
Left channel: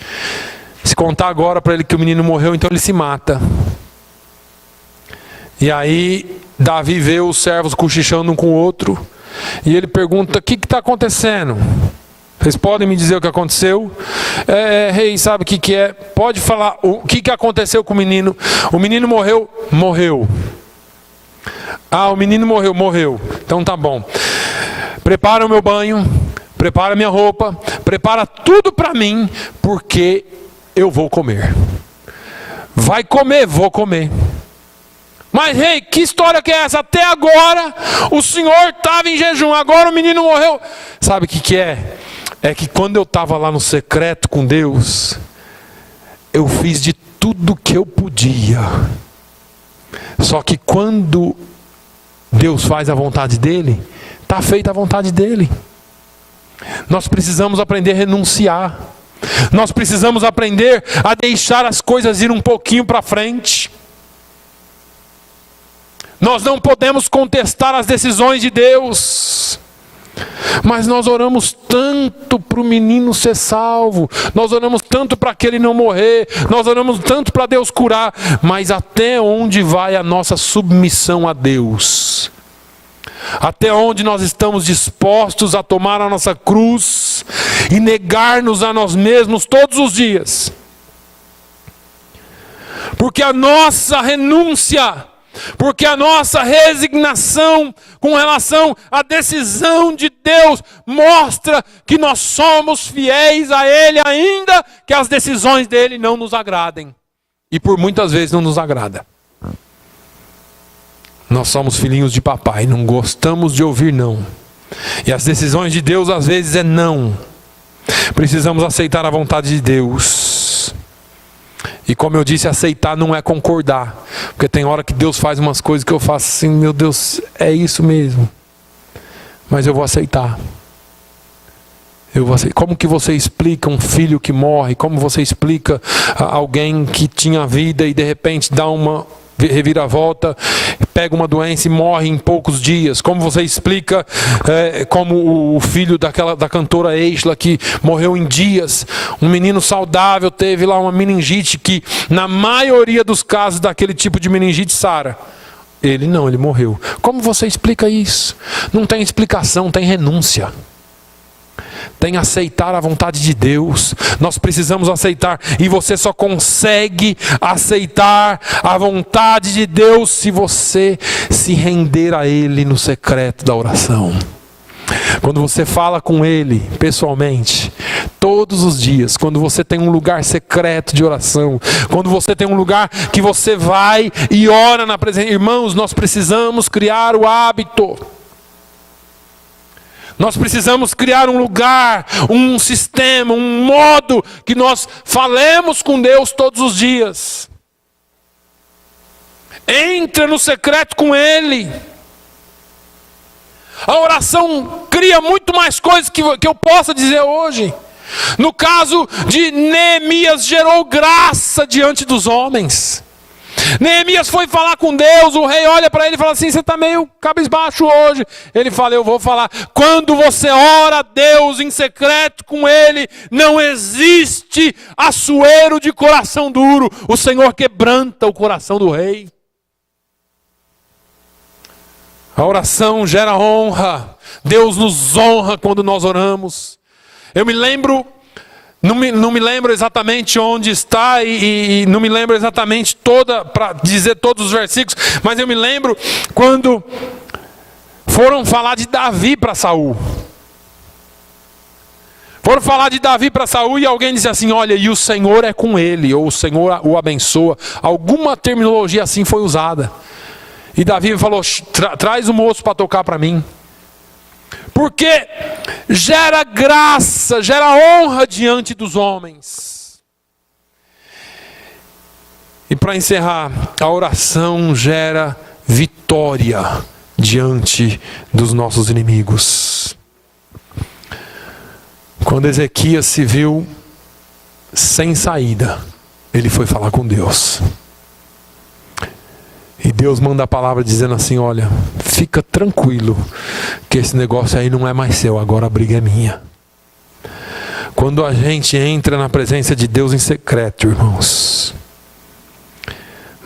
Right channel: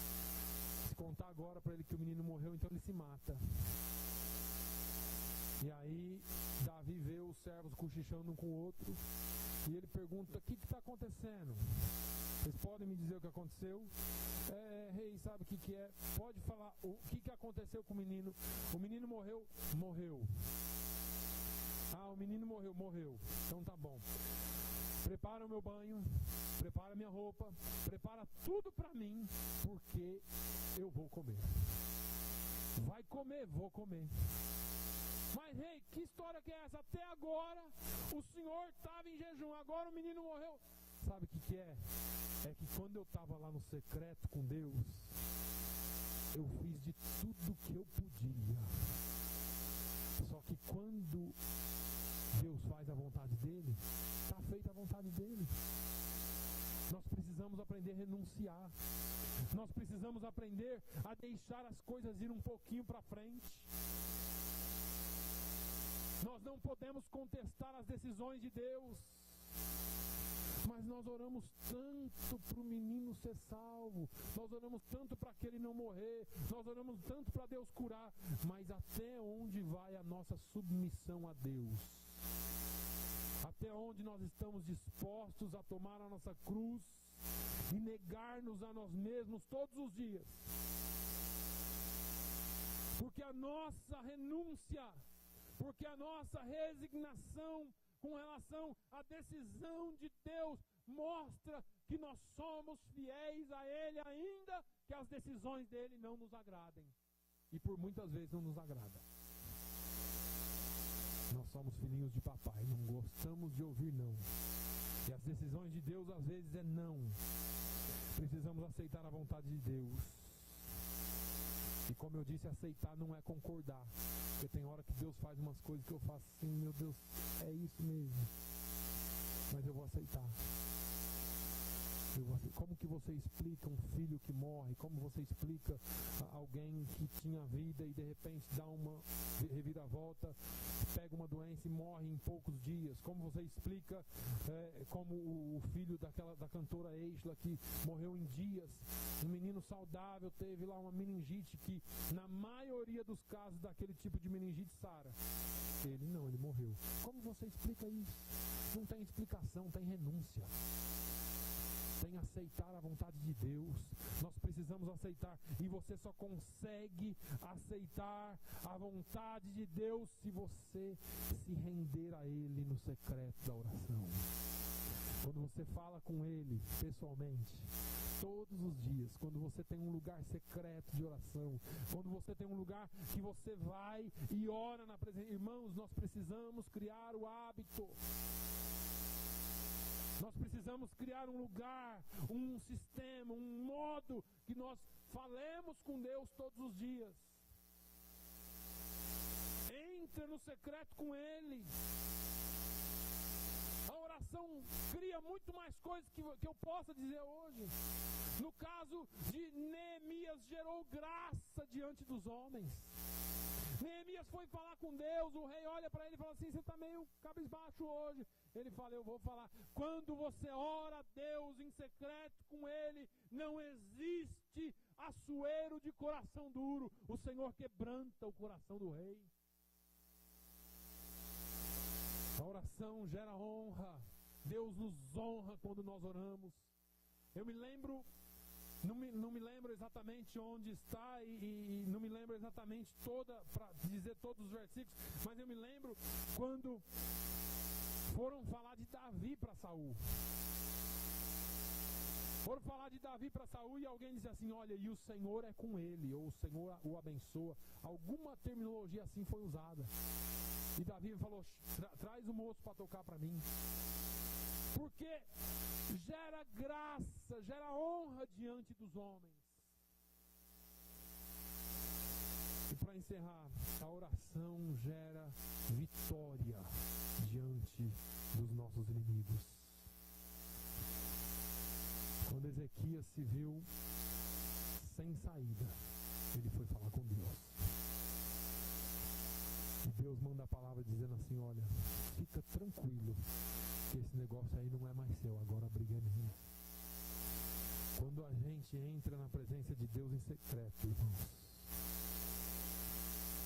Se contar agora para ele que o menino morreu, então ele se mata. E aí Davi vê os servos cochichando um com o outro, e ele pergunta: o que está acontecendo? Vocês podem me dizer o que aconteceu? Rei, sabe o que é? Pode falar o que aconteceu com o menino? O menino morreu? Morreu. Ah, o menino morreu? Morreu. Então tá bom. Prepara o meu banho, prepara a minha roupa, prepara tudo para mim, porque eu vou comer. Vai comer? Vou comer. Mas rei, que história que é essa? Até agora o senhor estava em jejum, agora o menino morreu. Sabe o que é? É que quando eu estava lá no secreto com Deus, eu fiz de tudo que eu podia. Só que quando Deus faz a vontade dele, está feita a vontade dele. Nós precisamos aprender a renunciar. Nós precisamos aprender a deixar as coisas ir um pouquinho para frente. Nós não podemos contestar as decisões de Deus. Mas nós oramos tanto para o menino ser salvo, nós oramos tanto para que ele não morrer, nós oramos tanto para Deus curar, mas até onde vai a nossa submissão a Deus? Até onde nós estamos dispostos a tomar a nossa cruz e negar-nos a nós mesmos todos os dias? Porque a nossa renúncia, porque a nossa resignação com relação à decisão de Deus mostra que nós somos fiéis a Ele, ainda que as decisões dele não nos agradem. E por muitas vezes não nos agrada. Nós somos filhinhos de papai, não gostamos de ouvir não. E as decisões de Deus às vezes é não. Precisamos aceitar a vontade de Deus. E como eu disse, aceitar não é concordar. Porque tem hora que Deus faz umas coisas que eu faço assim: meu Deus, é isso mesmo. Mas eu vou aceitar. Como que você explica um filho que morre? Como você explica alguém que tinha vida e de repente dá uma reviravolta, pega uma doença e morre em poucos dias? Como você explica como o filho da cantora Eisla, que morreu em dias? Um menino saudável teve lá uma meningite que na maioria dos casos daquele tipo de meningite sara. Ele não, ele morreu. Como você explica isso? Não tem explicação, tem renúncia. Tem aceitar a vontade de Deus. Nós precisamos aceitar. E você só consegue aceitar a vontade de Deus se você se render a Ele no secreto da oração. Quando você fala com Ele pessoalmente, todos os dias, quando você tem um lugar secreto de oração, quando você tem um lugar que você vai e ora na presença. Irmãos, nós precisamos criar o hábito. Nós precisamos criar um lugar, um sistema, um modo que nós falemos com Deus todos os dias. Entra no secreto com Ele. A oração cria muito mais coisas que eu possa dizer hoje. No caso de Neemias, gerou graça diante dos homens. Neemias foi falar com Deus, o rei olha para ele e fala assim: você está meio cabisbaixo hoje. Ele fala: eu vou falar. Quando você ora a Deus em secreto com Ele, não existe assuero de coração duro. O Senhor quebranta o coração do rei. A oração gera honra. Deus nos honra quando nós oramos. Eu me lembro... Não me lembro exatamente onde está e não me lembro exatamente para dizer todos os versículos, mas eu me lembro quando foram falar de Davi para Saul. Foram falar de Davi para Saul e alguém disse assim: olha, e o Senhor é com ele, ou o Senhor o abençoa. Alguma terminologia assim foi usada. E Davi falou: traz o moço para tocar para mim. Porque gera graça, gera honra diante dos homens. E para encerrar, a oração gera vitória diante dos nossos inimigos. Quando Ezequias se viu sem saída, ele foi falar com Deus. E Deus manda a palavra dizendo assim: olha, fica tranquilo, que esse negócio aí não é mais seu, agora a briga é minha. Quando a gente entra na presença de Deus em secreto, irmãos,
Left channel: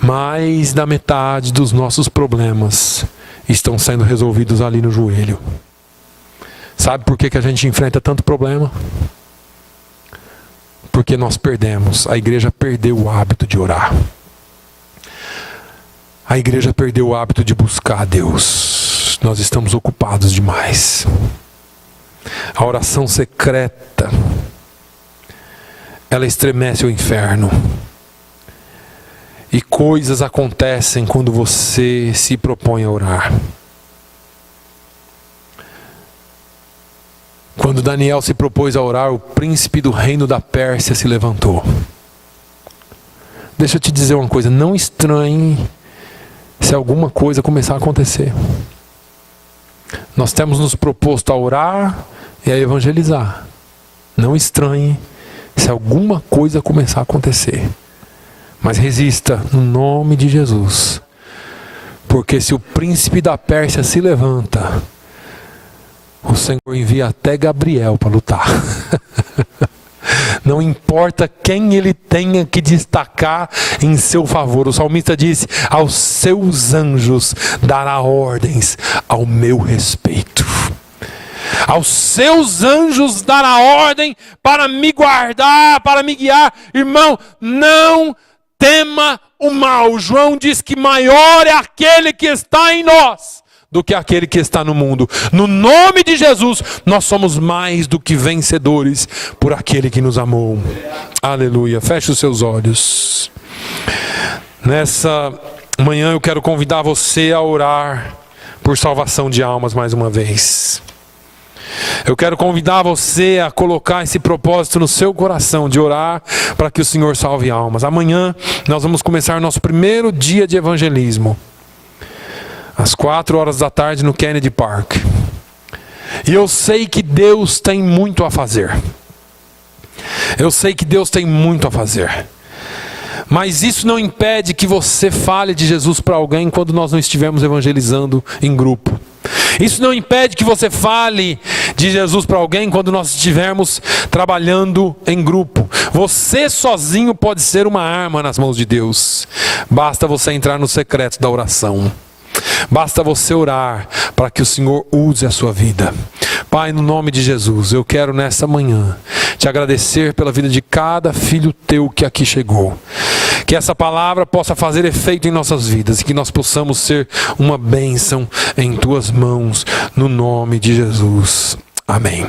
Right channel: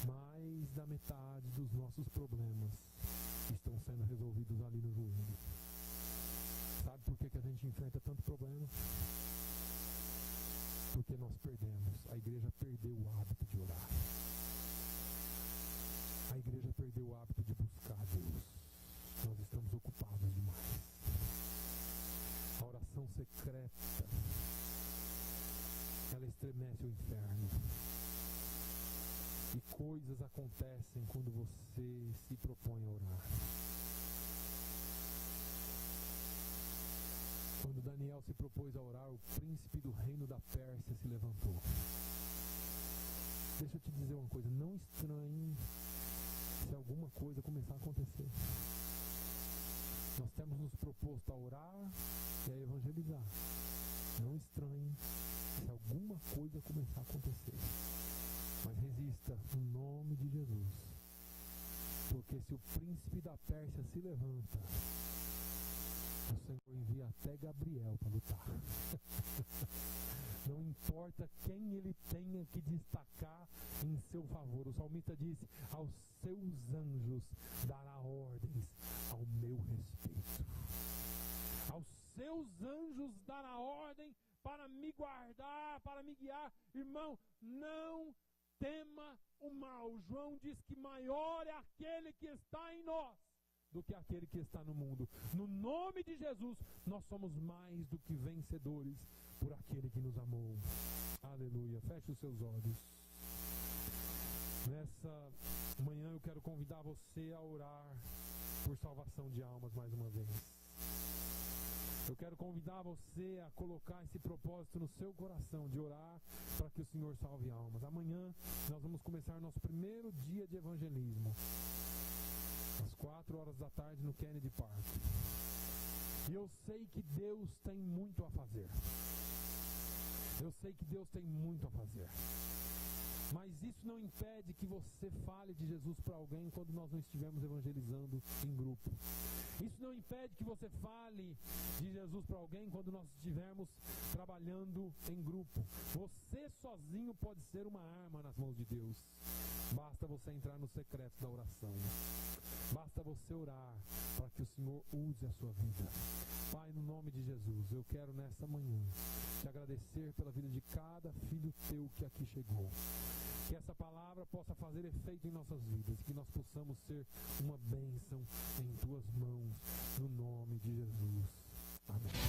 mais da metade dos nossos problemas estão sendo resolvidos ali no joelho. Sabe por que a gente enfrenta tanto problema? Porque nós perdemos. A igreja perdeu o hábito de orar. A igreja perdeu o hábito de buscar a Deus. Nós estamos ocupados demais. A oração secreta, ela estremece o inferno. E coisas acontecem quando você se propõe a orar. Quando Daniel se propôs a orar, o príncipe do reino da Pérsia se levantou. Deixa eu te dizer uma coisa, não estranhe se alguma coisa começar a acontecer. Nós temos nos proposto a orar e a evangelizar. Não estranhe se alguma coisa começar a acontecer. Mas resista no nome de Jesus. Porque se o príncipe da Pérsia se levanta, o Senhor envia até Gabriel para lutar. Não importa quem ele tenha que destacar em seu favor. O salmista disse: aos seus anjos dará ordens ao meu respeito. Aos seus anjos dará ordem para me guardar, para me guiar. Irmão, não tema o mal. João diz que maior é aquele que está em nós do que aquele que está no mundo. No nome de Jesus, nós somos mais do que vencedores por aquele que nos amou. Aleluia. Feche os seus olhos. Nessa manhã eu quero convidar você a orar por salvação de almas mais uma vez. Eu quero convidar você a colocar esse propósito no seu coração, de orar para que o Senhor salve almas. Amanhã nós vamos começar nosso primeiro dia de evangelismo, às 16h no Kennedy Park. E eu sei que Deus tem muito a fazer. Eu sei que Deus tem muito a fazer. Mas isso não impede que você fale de Jesus para alguém quando nós não estivermos evangelizando em grupo. Isso não impede que você fale de Jesus para alguém quando nós estivermos trabalhando em grupo. Você sozinho pode ser uma arma nas mãos de Deus. Basta você entrar no secreto da oração. Basta você orar para que o Senhor use a sua vida. Pai, no nome de Jesus, eu quero nessa manhã te agradecer pela vida de cada filho teu que aqui chegou. Que essa palavra possa fazer efeito em nossas vidas e que nós possamos ser uma bênção em tuas mãos, no nome de Jesus. Amém.